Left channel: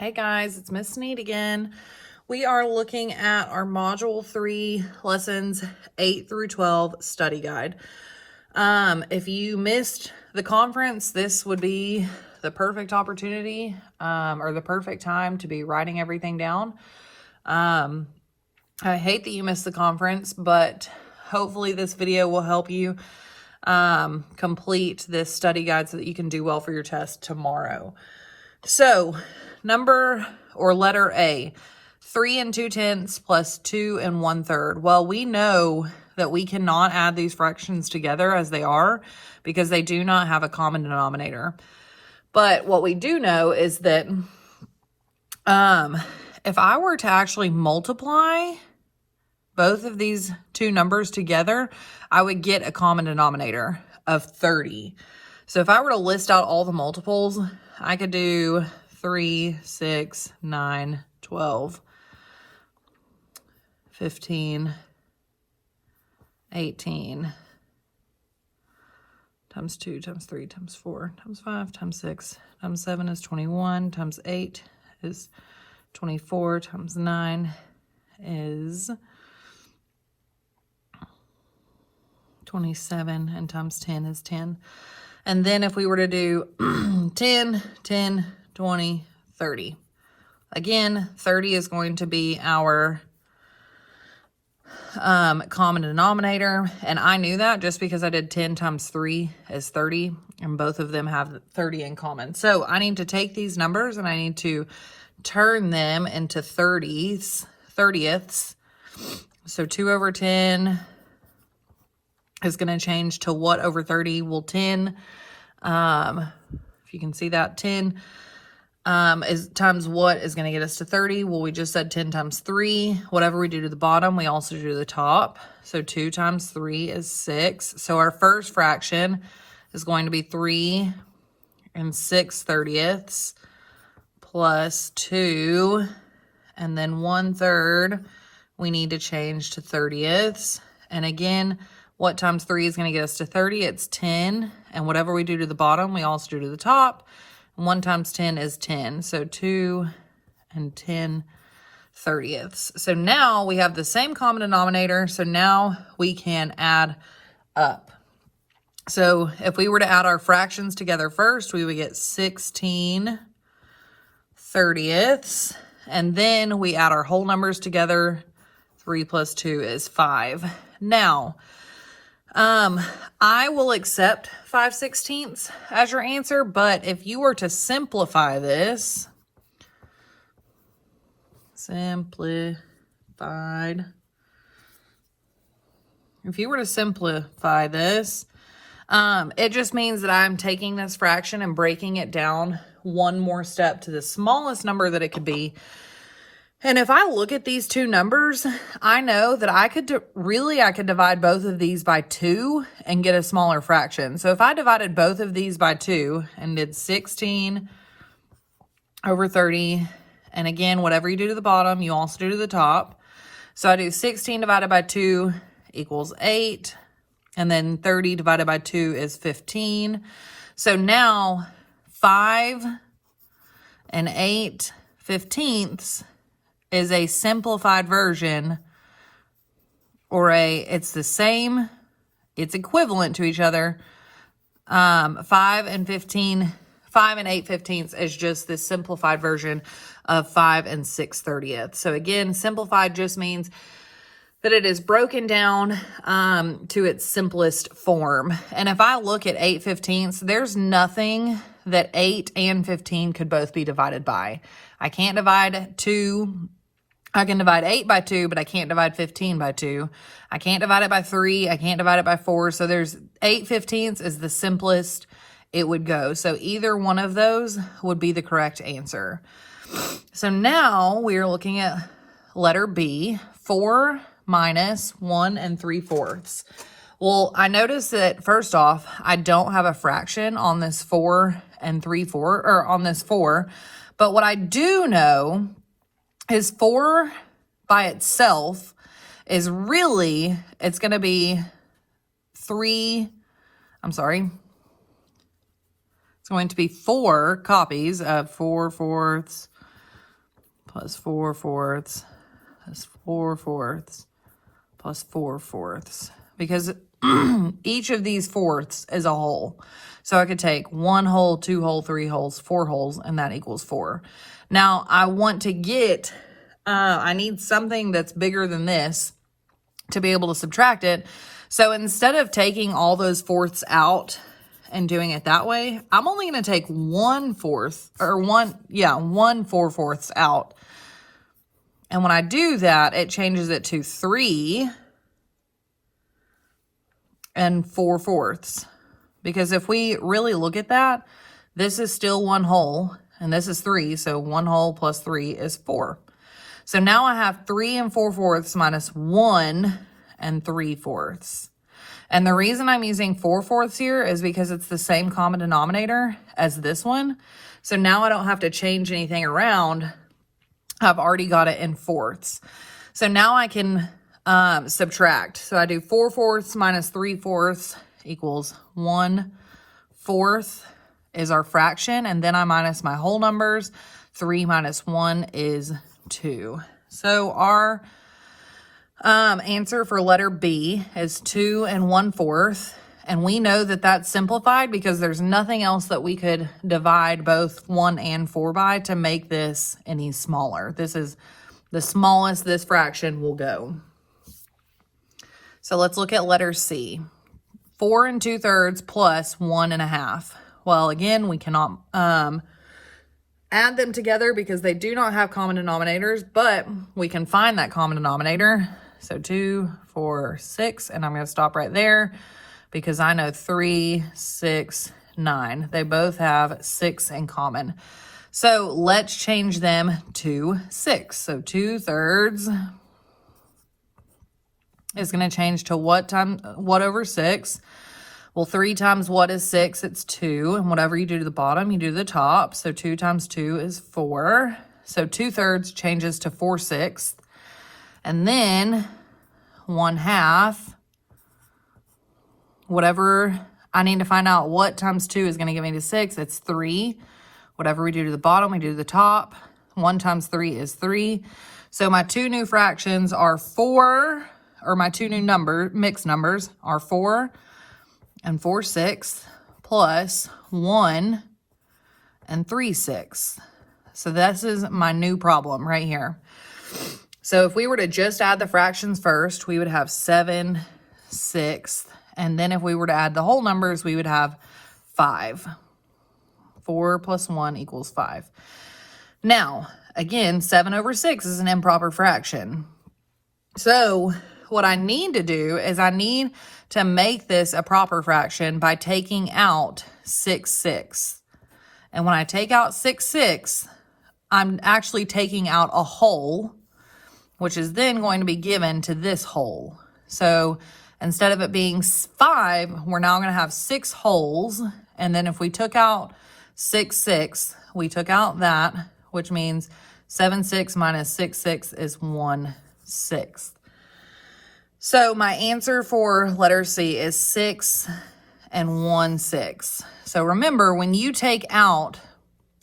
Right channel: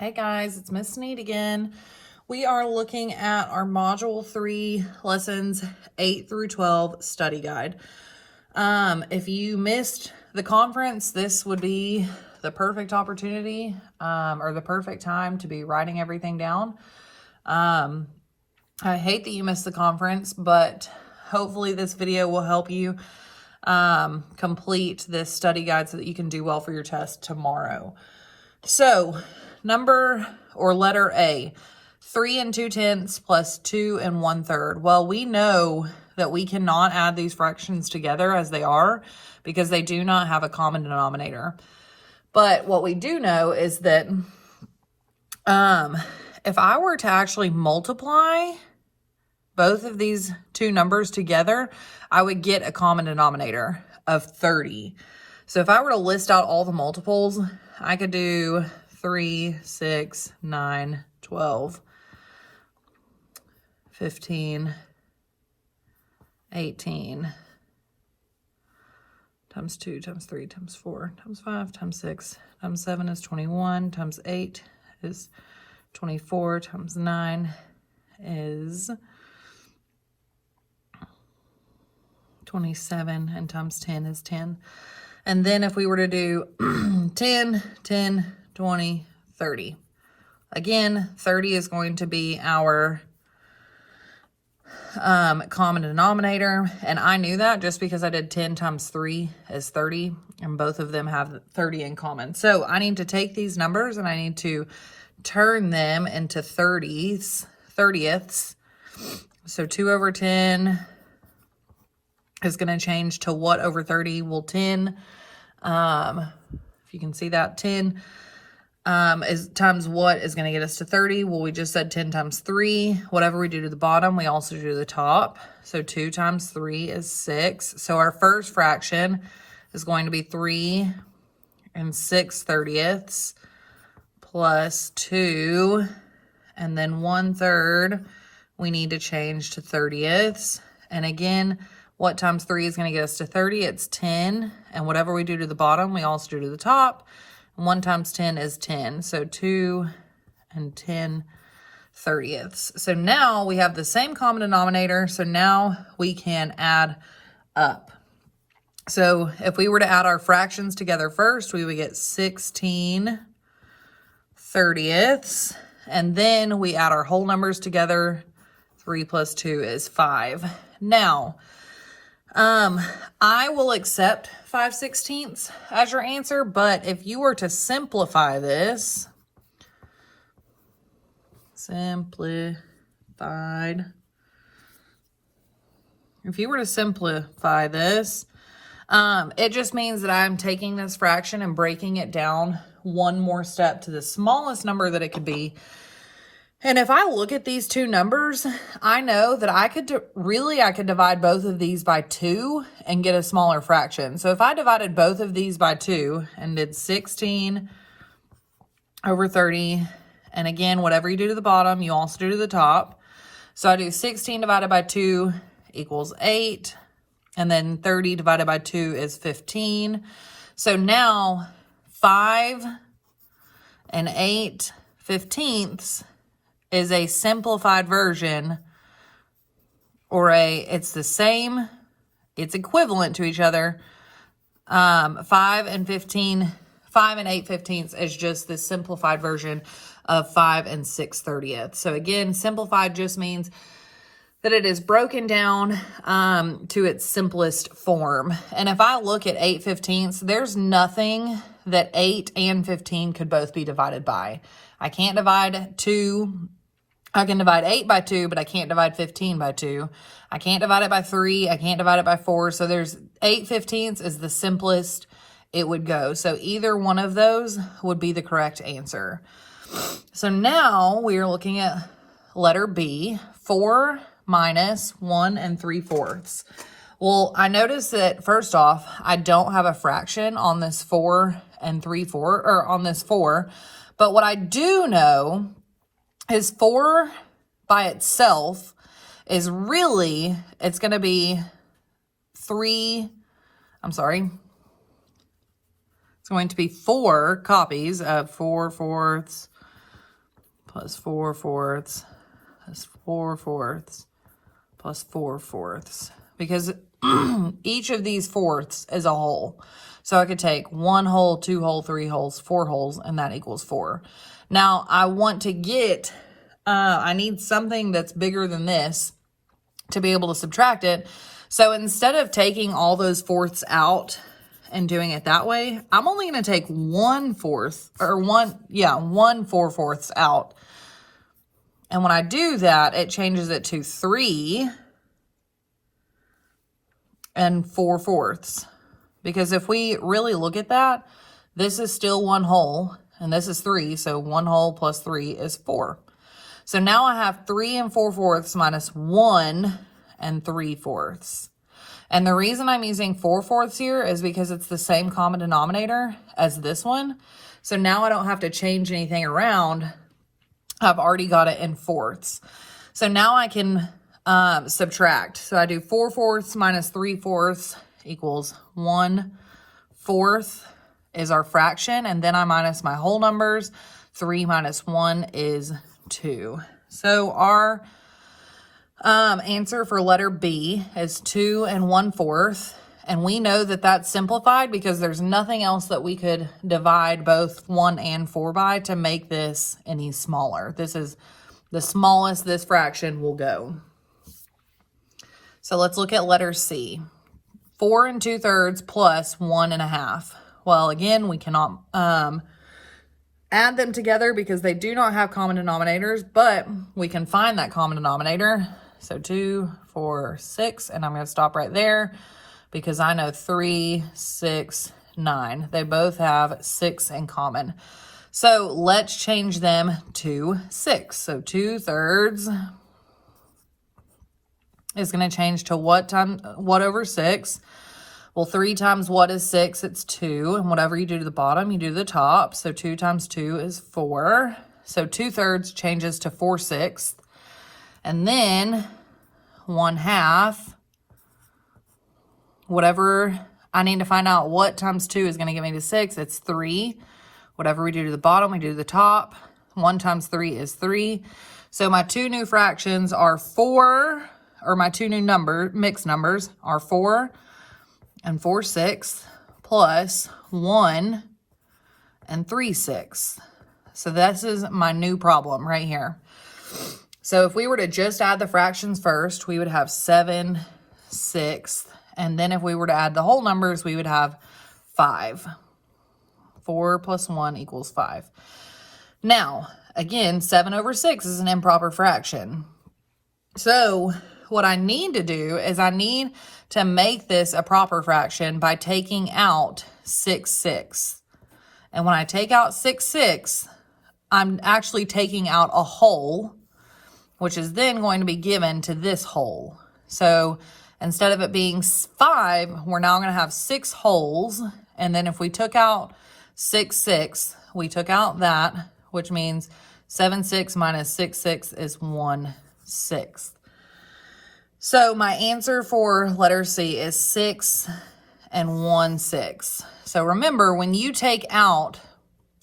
Hey guys, it's Miss Sneed again. We are looking at our Module 3 lessons 8 through 12 study guide. If you missed the conference, this would be the perfect opportunity or the perfect time to be writing everything down. I hate that you missed the conference, but hopefully this video will help you complete this study guide so that you can do well for your test tomorrow. So, letter A, 3 2/10 plus 2 1/3. Well, we know that we cannot add these fractions together as they are because they do not have a common denominator. But what we do know is that if I were to actually multiply both of these two numbers together, I would get a common denominator of 30. So if I were to list out all the multiples, I could do 3, 6, 9, 12, 15, 18, times 2, times 3, times 4, times 5, times 6, times 7 is 21, times 8 is 24, times 9 is 27, and times 10 is 10. And then if we were to do 10, 10, 20, 30. Again, 30 is going to be our common denominator. And I knew that just because I did 10 times 3 is 30. And both of them have 30 in common. So I need to take these numbers and I need to turn them into 30ths. So 2 over 10 is going to change to what over 30? Well, 10, if you can see that, 10 is times what is going to get us to 30? Well, we just said 10 times 3. Whatever we do to the bottom, we also do to the top. So 2 times 3 is 6. So our first fraction is going to be 3 6/30 plus 2, and then 1/3 we need to change to 30ths. And again, what times 3 is going to get us to 30? It's 10. And whatever we do to the bottom, we also do to the top. 1 times 10 is 10. So 2 and 10/30. So now we have the same common denominator. So now we can add up. So if we were to add our fractions together first, we would get 16/30. And then we add our whole numbers together. 3 plus 2 is 5. Now, I will accept 5/16 as your answer, but if you were to simplify this, it just means that I'm taking this fraction and breaking it down one more step to the smallest number that it could be. And if I look at these two numbers, I know that I could divide both of these by 2 and get a smaller fraction. So if I divided both of these by 2 and did 16 over 30, and again, whatever you do to the bottom, you also do to the top. So I do 16 divided by 2 equals 8, and then 30 divided by 2 is 15. So now 5 8/15 is a simplified version, or it's the same, it's equivalent to each other. 5 8/15 is just the simplified version of 5 6/30. So again, simplified just means that it is broken down to its simplest form. And if I look at 8/15, there's nothing that 8 and 15 could both be divided by. I can't divide 2. I can divide 8 by 2, but I can't divide 15 by 2. I can't divide it by 3. I can't divide it by 4. So there's 8/15 is the simplest it would go. So either one of those would be the correct answer. So now we are looking at letter B, 4 minus 1 3/4. Well, I noticed that first off, I don't have a fraction on this 4 3/4, or on this 4. But what I do know is 4 by itself is really, it's going to be 3, I'm sorry, it's going to be 4 copies of 4/4 plus 4 fourths plus 4 fourths plus 4 fourths. Because each of these fourths is a whole. So I could take 1 whole, 2 whole, 3 wholes, 4 wholes, and that equals 4. Now I want to get, I need something that's bigger than this to be able to subtract it. So instead of taking all those fourths out and doing it that way, I'm only going to take 1 fourth, or 1 4 fourths out. And when I do that, it changes it to 3 and 4 fourths. Because if we really look at that, this is still 1 whole, and this is 3, so 1 whole plus 3 is 4. So now I have 3 and 4 fourths minus 1 and 3 fourths. And the reason I'm using 4 fourths here is because it's the same common denominator as this one. So now I don't have to change anything around. I've already got it in fourths. So now I can subtract. So I do 4 fourths minus 3 fourths equals 1 fourth is our fraction. And then I minus my whole numbers. 3 minus 1 is 2. So our answer for letter B is 2 and 1 fourth. And we know that that's simplified because there's nothing else that we could divide both 1 and 4 by to make this any smaller. This is the smallest this fraction will go. So let's look at letter C. 4 2/3 plus 1 1/2. Well, again, we cannot add them together because they do not have common denominators, but we can find that common denominator. So 2, 4, 6, and I'm going to stop right there because I know 3, 6, 9. They both have 6 in common. So let's change them to 6. So 2/3 is going to change to what over 6? Well, 3 times what is 6? It's 2. And whatever you do to the bottom, you do to the top. So 2 times 2 is 4. So 2/3 changes to 4/6. And then 1/2, whatever I need to find out what times 2 is going to give me to 6, it's 3. Whatever we do to the bottom, we do to the top. 1 times 3 is 3. So my two new fractions are 4, or my two new mixed numbers are 4 and 4/6 plus 1 and 3/6. So this is my new problem right here. So if we were to just add the fractions first, we would have 7/6. And then if we were to add the whole numbers, we would have 5. 4 plus 1 equals 5. Now, again, 7/6 is an improper fraction. So what I need to do is I need to make this a proper fraction by taking out 6/6. And when I take out 6/6, I'm actually taking out a whole, which is then going to be given to this whole. So instead of it being 5, we're now going to have 6 wholes. And then if we took out 6/6, we took out that, which means 7/6 minus 6/6 is 1/6. So my answer for letter C is 6 and 1/6. So remember, when you take out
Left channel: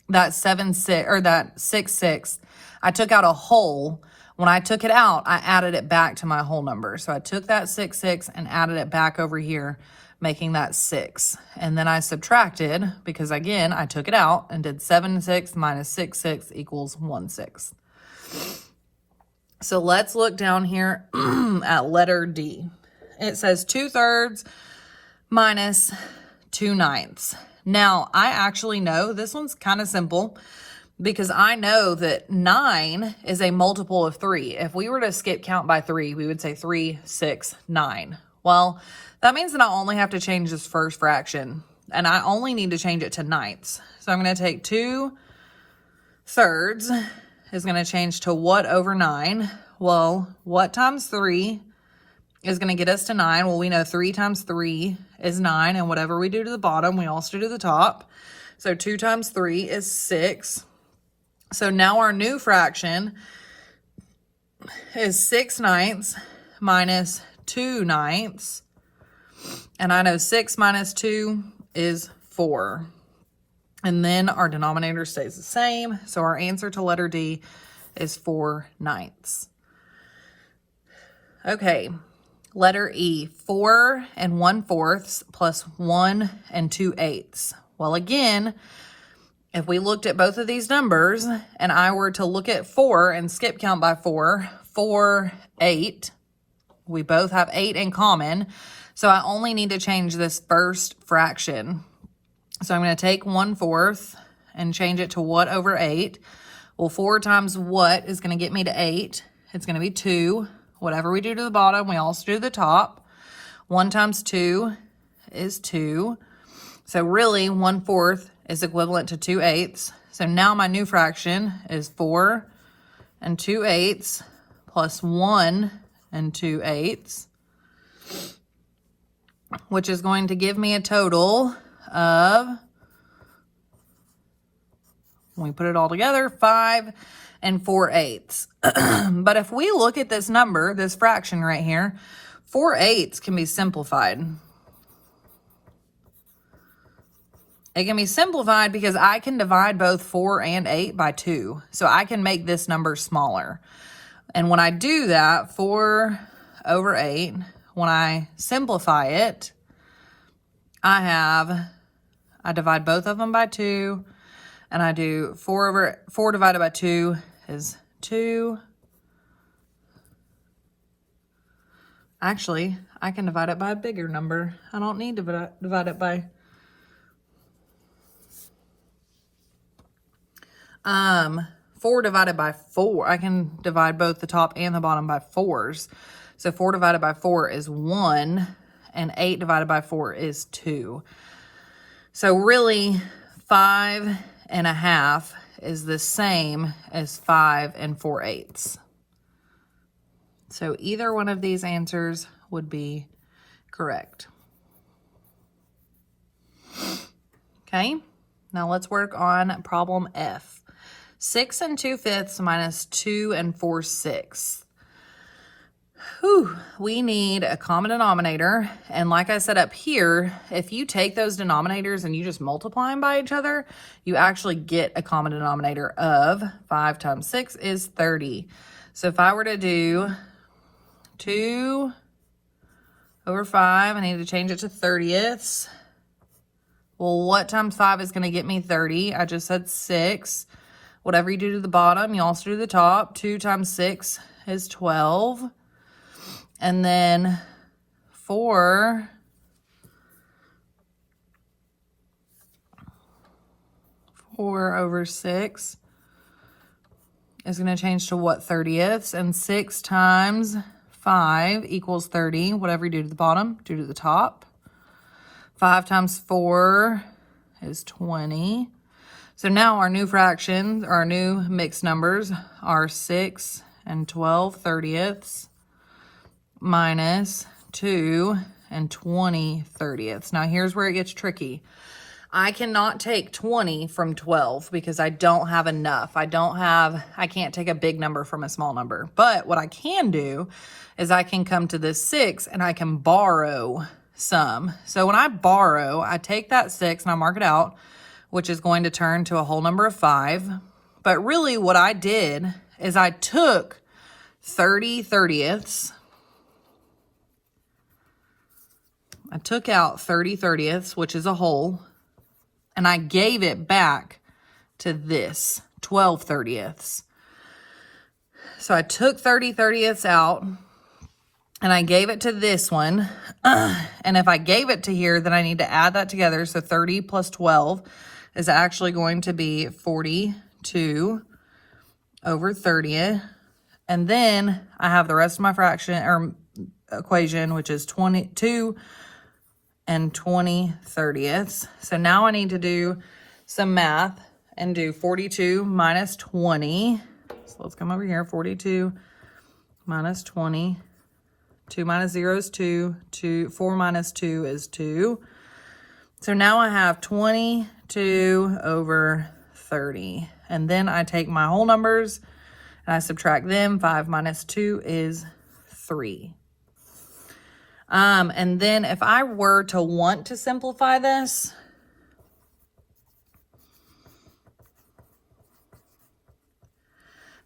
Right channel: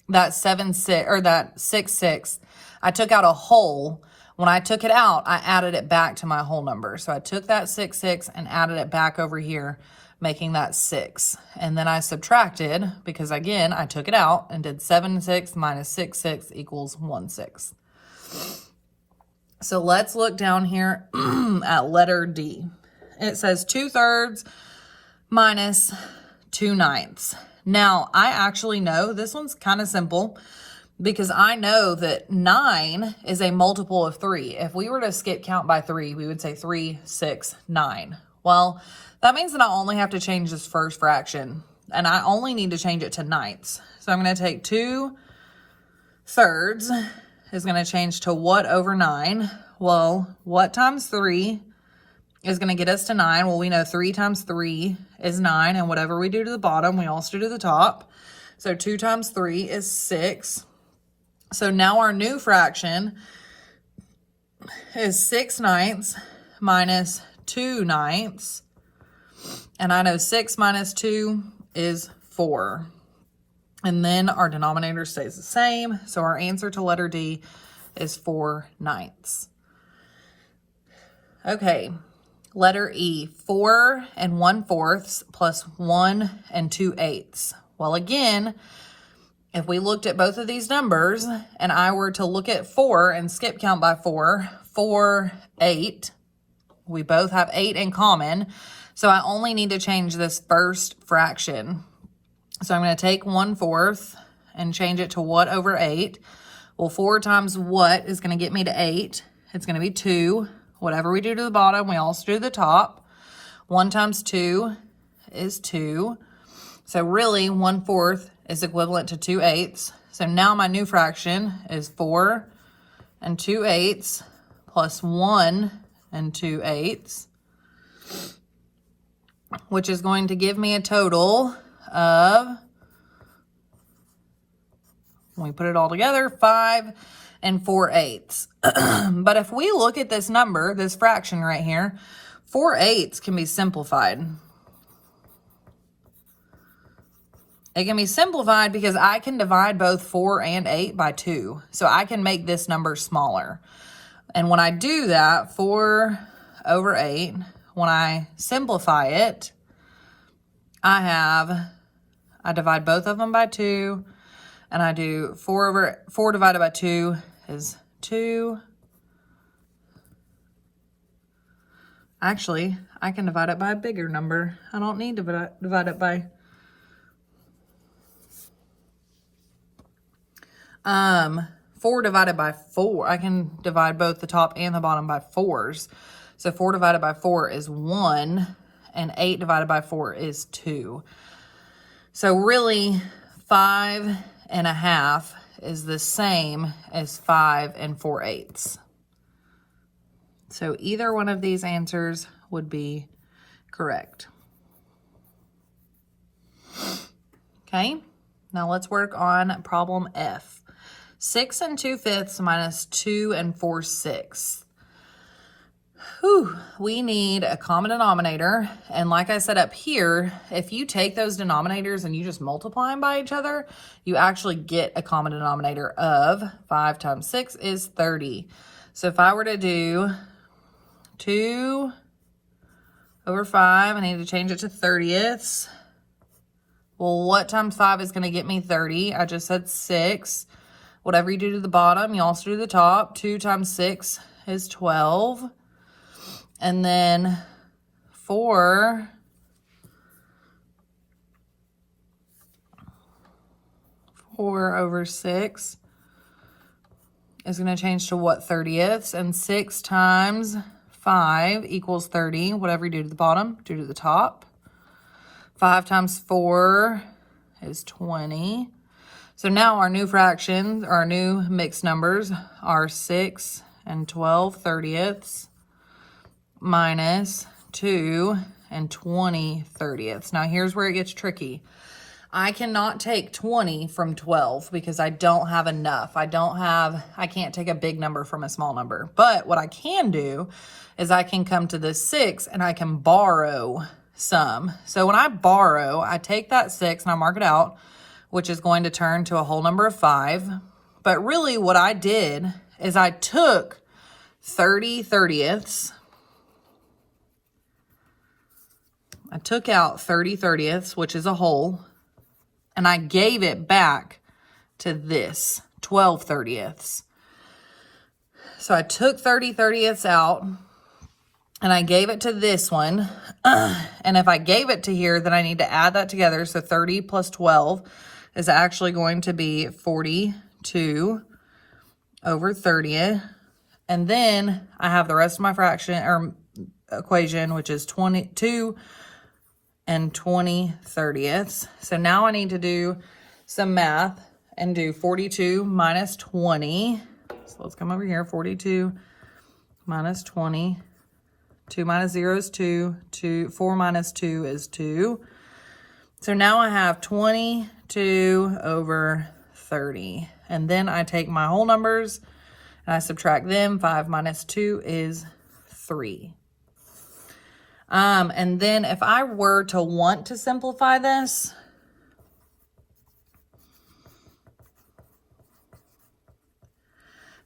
that 7/6 or that 6/6, I took out a whole. When I took it out, I added it back to my whole number. So I took that 6/6 and added it back over here, making that 6. And then I subtracted, because again, I took it out and did 7/6 minus 6/6 equals 1/6. So let's look down here at letter D. It says 2/3 minus 2/9. Now, I actually know this one's kind of simple because I know that 9 is a multiple of 3. If we were to skip count by 3, we would say 3, 6, 9. Well, that means that I only have to change this first fraction, and I only need to change it to ninths. So I'm going to take 2/3 is going to change to what over 9? Well, what times 3 is going to get us to 9? Well, we know 3 times 3 is 9, and whatever we do to the bottom, we also do to the top. So 2 times 3 is 6. So now our new fraction is 6/9 minus 2/9. And I know 6 minus 2 is 4. And then our denominator stays the same. So our answer to letter D is 4/9. Okay, letter E, 4 1/4 plus 1 2/8. Well, again, if we looked at both of these numbers and I were to look at 4 and skip count by 4, 4, 8, we both have 8 in common. So I only need to change this first fraction. So I'm going to take 1/4 and change it to what over 8. Well, 4 times what is going to get me to 8? It's going to be 2. Whatever we do to the bottom, we also do the top. 1 times 2 is 2. So really, 1/4 is equivalent to 2/8. So now my new fraction is 4 2/8 plus 1 2/8, which is going to give me a total of, when we put it all together, 5 4/8. But if we look at this number, this fraction right here, 4/8 can be simplified. It can be simplified because I can divide both 4 and 8 by 2. So I can make this number smaller. And when I do that, 4 over 8, when I simplify it, I divide both of them by 2, and I do 4 divided by 2 is 2. Actually, I can divide it by a bigger number. I don't need to divide it by 4 divided by 4. I can divide both the top and the bottom by 4s. So 4 divided by 4 is 1, and 8 divided by 4 is 2. So really, 5 1/2 is the same as 5 4/8. So either one of these answers would be correct. Okay, now let's work on problem F. 6 2/5 minus 2 4/6. We need a common denominator. And like I said up here, if you take those denominators and you just multiply them by each other, you actually get a common denominator of 5 times 6 is 30. So if I were to do 2 over 5, I need to change it to 30ths. Well, what times 5 is going to get me 30? I just said 6. Whatever you do to the bottom, you also do the top. 2 times 6 is 12. And then 4 over 6 is going to change to what, 30ths? And 6 times 5 equals 30. Whatever you do to the bottom, do to the top. 5 times 4 is 20. So now our new fractions, our new mixed numbers are 6 and 12 30ths minus 2 and 20 30ths. Now here's where it gets tricky. I cannot take 20 from 12 because I don't have enough. I can't take a big number from a small number. But what I can do is I can come to this 6 and I can borrow some. So when I borrow, I take that 6 and I mark it out, which is going to turn to a whole number of 5. But really what I did is I took 30 30ths. I took out 30 30ths, which is a whole, and I gave it back to this 12 30ths. So I took 30 30ths out and I gave it to this one. And if I gave it to here, then I need to add that together. So 30 plus 12 is actually going to be 42 over 30. And then I have the rest of my fraction or equation, which is 22 and 20 30ths. So now I need to do some math and do 42 minus 20. So let's come over here. 42 minus 20. 2 minus 0 is 2. 4 minus 2 is 2. So now I have 22 over 30. And then I take my whole numbers and I subtract them. 5 minus 2 is 3. And then if I were to want to simplify this,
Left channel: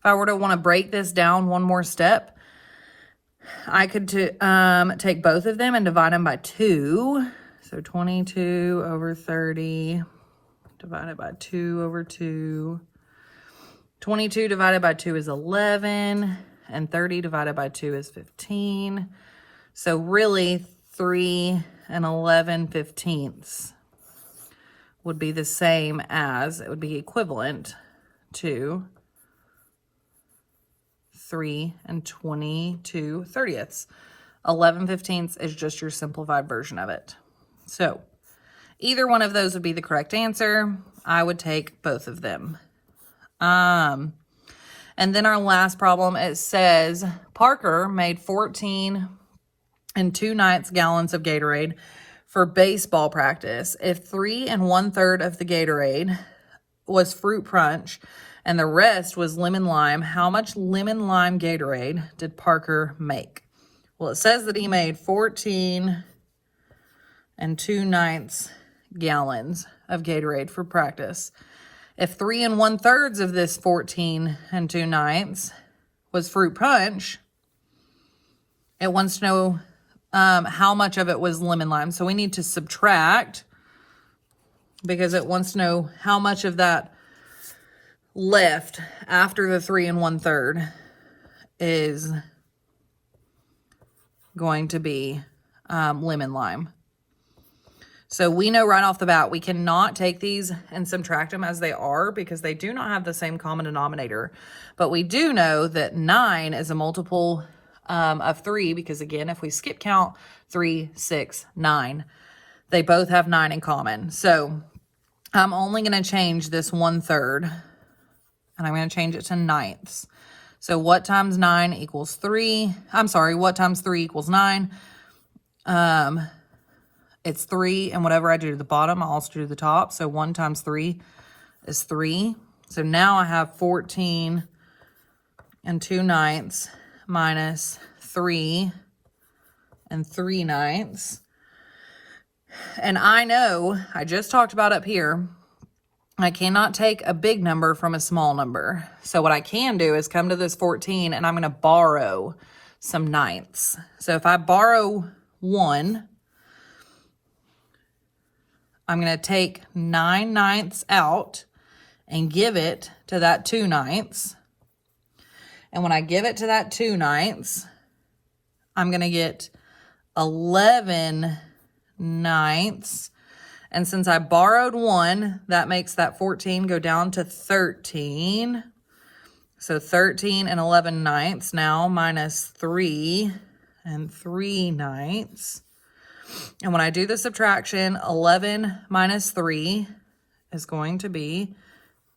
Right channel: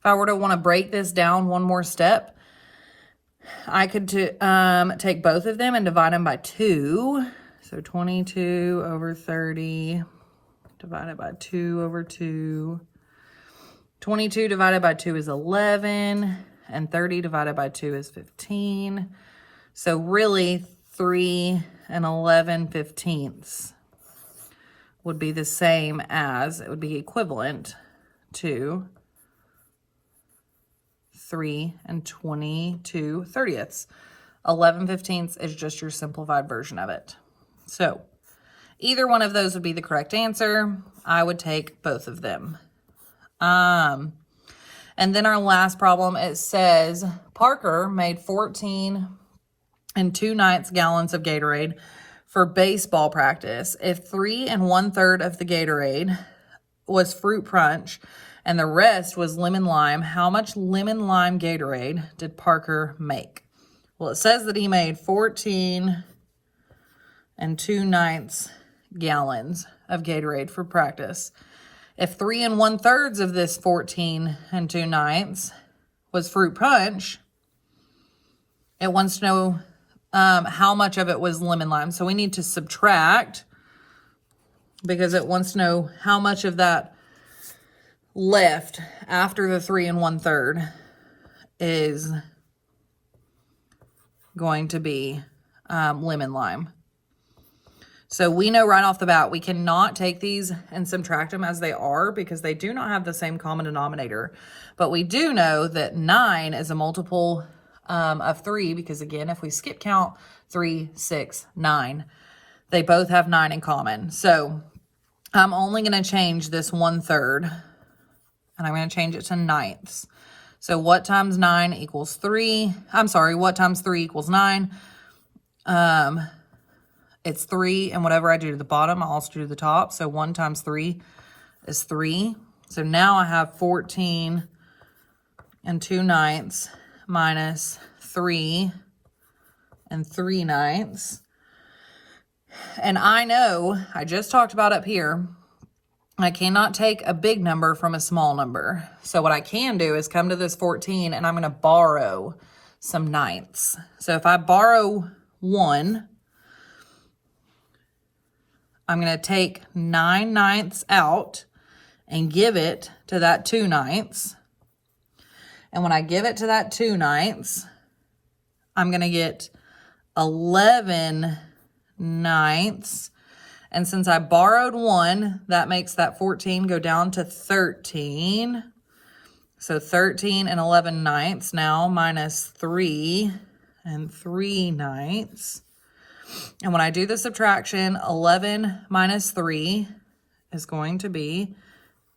If I were to want to break this down one more step, I could take both of them and divide them by 2. So 22 over 30 divided by 2 over 2. 22 divided by 2 is 11, and 30 divided by 2 is 15. So really 3 and 11/15 would be the same as, it would be equivalent to 3 and 22/30. 11/15 is just your simplified version of it. So either one of those would be the correct answer. I would take both of them. And then our last problem, it says Parker made 14 2/9 gallons of Gatorade for baseball practice. If 3 1/3 of the Gatorade was fruit punch and the rest was lemon lime, how much lemon lime Gatorade did Parker make? Well, it says that he made 14 2/9 gallons of Gatorade for practice. If 3 1/3 of this 14 2/9 was fruit punch, it wants to know how much of it was lemon lime. So we need to subtract, because it wants to know how much of that left after the 3 1/3 is going to be lemon lime. So we know right off the bat, we cannot take these and subtract them as they are, because they do not have the same common denominator. But we do know that 9 is a multiple of 3, because again, if we skip count 3, 6, 9, they both have 9 in common. So I'm only going to change this 1/3, and I'm going to change it to ninths. So what times 9 equals 3? I'm sorry, what times 3 equals 9? It's 3, and whatever I do to the bottom, I'll also do to the top. So 1 times 3 is 3. So now I have 14 2/9 minus 3 3/9. And I know, I just talked about up here, I cannot take a big number from a small number. So what I can do is come to this 14, and I'm going to borrow some ninths. So if I borrow 1, I'm going to take 9/9 out and give it to that 2/9. And when I give it to that 2/9, I'm going to get 11/9. And since I borrowed 1, that makes that 14 go down to 13. So 13 and 11/9 now, minus 3 and 3/9. And when I do the subtraction, 11 minus 3 is going to be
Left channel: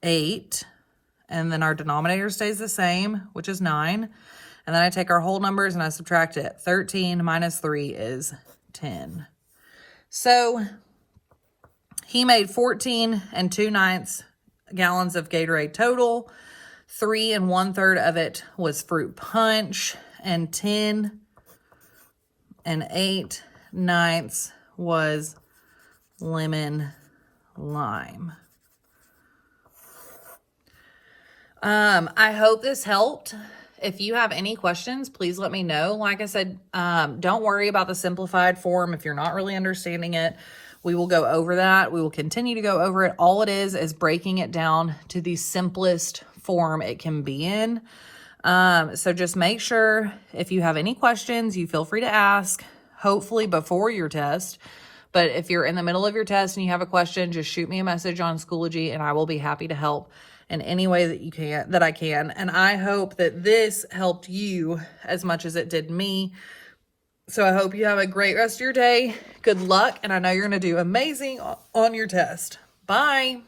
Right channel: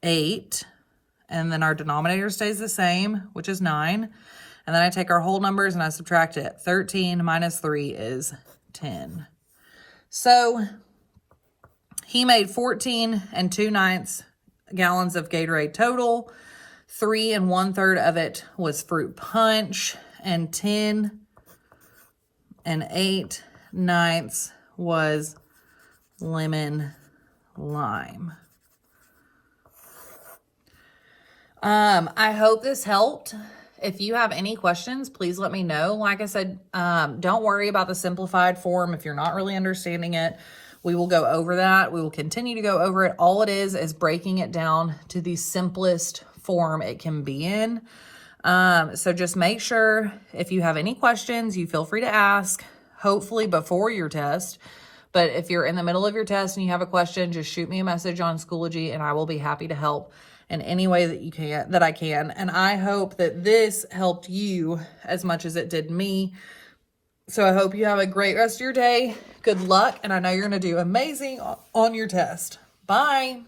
8. And then our denominator stays the same, which is 9. And then I take our whole numbers and I subtract it. 13 minus 3 is 10. So he made 14 2/9 gallons of Gatorade total. 3 1/3 of it was fruit punch, and 10 8/9 was lemon lime. I hope this helped. If you have any questions, please let me know. Like I said, don't worry about the simplified form if you're not really understanding it. We will go over that. We will continue to go over it. All it is breaking it down to the simplest form it can be in. So just make sure if you have any questions, you feel free to ask, hopefully before your test. But if you're in the middle of your test and you have a question, just shoot me a message on Schoology and I will be happy to help in any way that I can. And I hope that this helped you as much as it did me. So I hope you have a great rest of your day. Good luck. And I know you're going to do amazing on your test. Bye.